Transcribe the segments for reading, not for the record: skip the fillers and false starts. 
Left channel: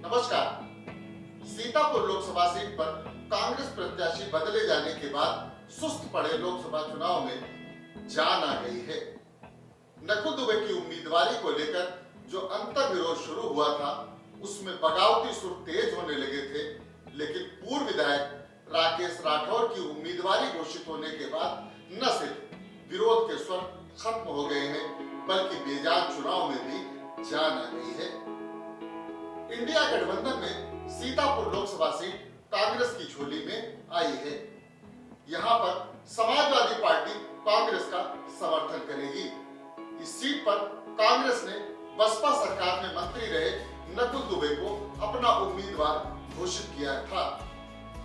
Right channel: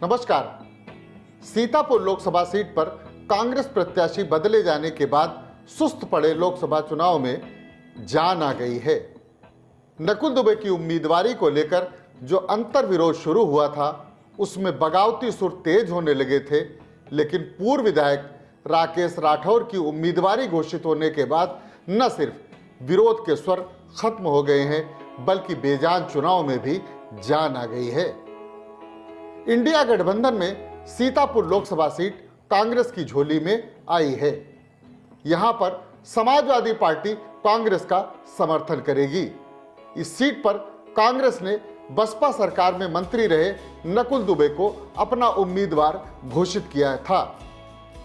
नमस्कार। सीतापुर लोकसभा सीट पर कांग्रेस प्रत्याशी बदले जाने के बाद सुस्त पड़े लोकसभा चुनाव में जान आ गई है। नकुल दुबे की उम्मीदवारी को लेकर जो अंतर विरोध शुरू हुआ था, उसमें बगावती सुर तेज होने लगे थे, लेकिन पूर्व विधायक राकेश राठौर की उम्मीदवारी घोषित होने के बाद न सिर्फ विरोध के स्वर खत्म हो गए हैं, बल्कि बेजान चुनाव में भी जान आ गई है। इंडिया गठबंधन में सीतापुर लोकसभा सीट कांग्रेस की झोली में आई है। यहां पर समाजवादी पार्टी कांग्रेस का समर्थन करेगी। इस सीट पर कांग्रेस ने बसपा सरकार में मंत्री रहे नकुल दुबे को अपना उम्मीदवार घोषित किया था।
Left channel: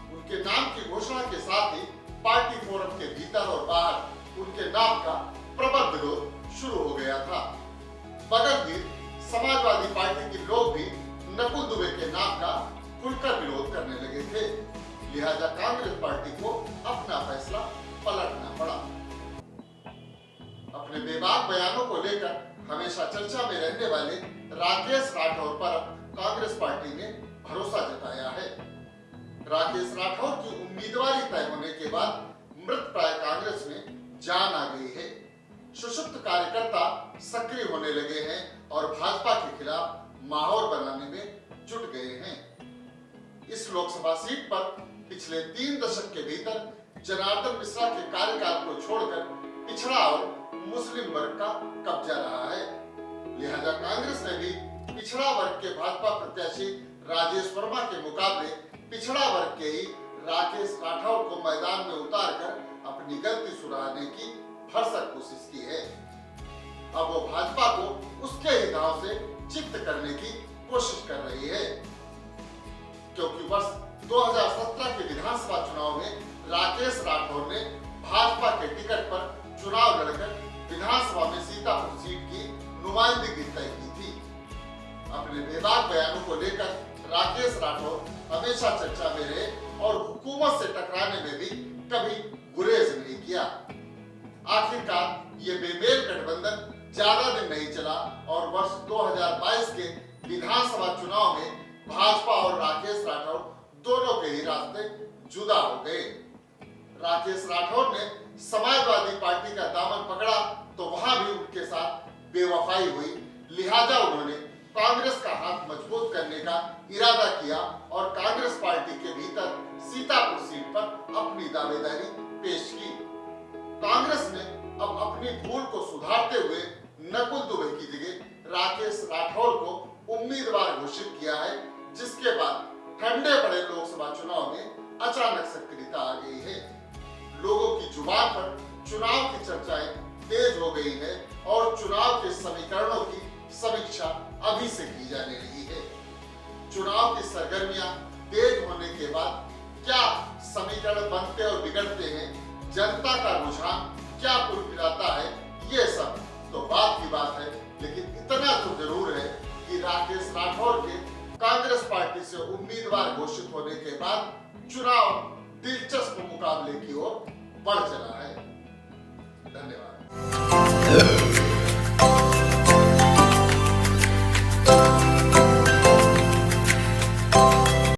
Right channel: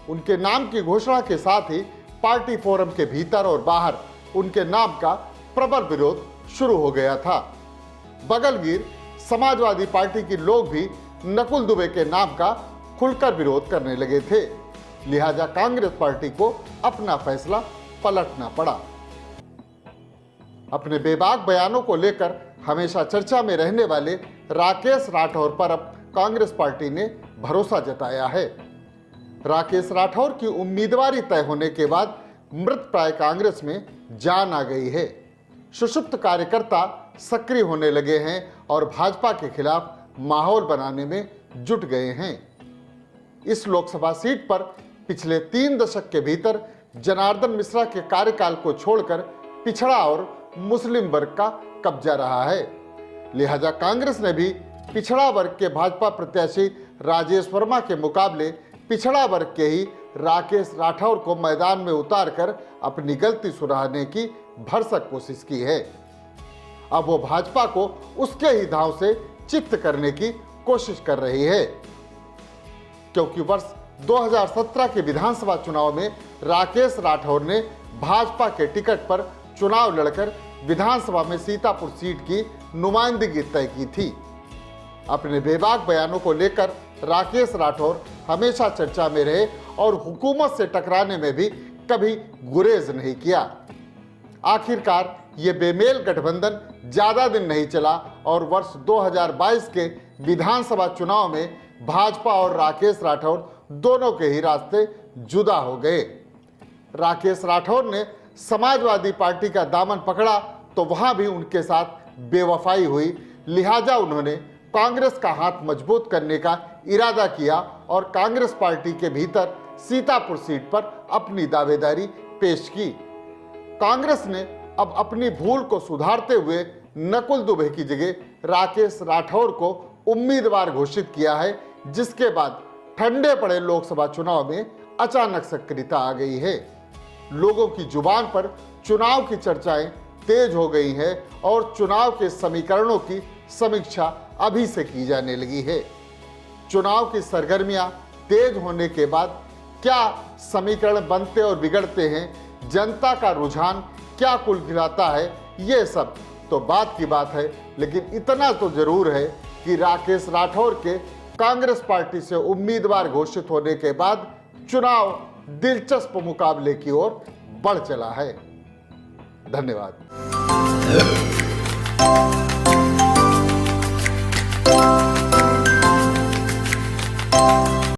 उनके नाम की घोषणा के साथ ही पार्टी फोरम के भीतर और बाहर उनके नाम का प्रबल विरोध शुरू हो गया था। बगलगीर समाजवादी पार्टी के लोग भी नकुल दुबे के नाम का खुलकर विरोध करने लगे थे, लिहाजा कांग्रेस पार्टी को अपना फैसला पलटना पड़ा। अपने बेबाक बयानों को लेकर हमेशा चर्चा में रहने वाले राकेश राठौर पर अब कांग्रेस पार्टी ने भरोसा जताया है। राकेश राठौर की उम्मीदवारी तय होने के बाद मृत प्राय कांग्रेस में जान आ गई है। सुषुप्त कार्यकर्ता सक्रिय होने लगे हैं और भाजपा के खिलाफ माहौल बनाने में जुट गए हैं। इस लोकसभा सीट पर पिछले 3 दशक के भीतर जनार्दन मिश्रा के कार्यकाल को छोड़कर पिछड़ा और मुस्लिम वर्ग का कब्जा रहा है। लिहाजा कांग्रेस ने भी पिछड़ा वर्ग के भाजपा प्रत्याशी राजेश वर्मा के मुकाबले पिछड़ा वर्ग के ही राकेश राठौर को मैदान में उतारकर अपनी गलती सुधारने की भरसक कोशिश की है। अब वो भाजपा को उसके ही धाव से चित्त करने की कोशिश कर रही है, क्योंकि वर्ष 2017 के विधानसभा चुनाव में राकेश राठौर ने भाजपा के टिकट पर चुनाव लड़कर विधानसभा में सीतापुर सीट की नुमाइंदगी तय की थी। अपने बेबाक बयानों को लेकर राकेश राठौर हमेशा चर्चा में रहे और हुकूमत से टकराने में भी कभी गुरेज नहीं किया। आखिरकार ये बेमेल गठबंधन ज्यादा दिन नहीं चला और वर्ष 2022 के विधानसभा चुनाव में भाजपा और राकेश राठौर दोनों के ही रास्ते जुदा हो गए। राकेश राठौर ने समाजवादी पार्टी का दामन पकड़ा तो वहां भी उनके साथ बेवफाई हुई, लिहाजा उन्होंने कांग्रेस का हाथ मजबूत करने का इरादा किया और कांग्रेस पार्टी के भीतर सीतापुर सीट पर अपनी दावेदारी पेश की। कांग्रेस ने अब अपनी भूल को सुधारते हुए नकुल दुबे की जगह राकेश राठौर को उम्मीदवार घोषित किया है, जिसके बाद ठंडे पड़े लोकसभा चुनाव में अचानक सक्रियता आ गई है। लोगों की जुबान पर चुनाव की चर्चाएं तेज हो गई है और चुनाव के समीकरणों की समीक्षा अभी से की जाने लगी है। चुनाव की सरगर्मियां तेज होने के बाद क्या समीकरण बनते और बिगड़ते हैं, जनता का रुझान क्या कुल खिलाता है, ये सब तो बात की बात है, लेकिन इतना तो जरूर है कि राकेश राठौर के कांग्रेस पार्टी से उम्मीदवार घोषित होने के बाद चुनाव दिलचस्प मुकाबले की ओर बढ़ चला है। धन्यवाद।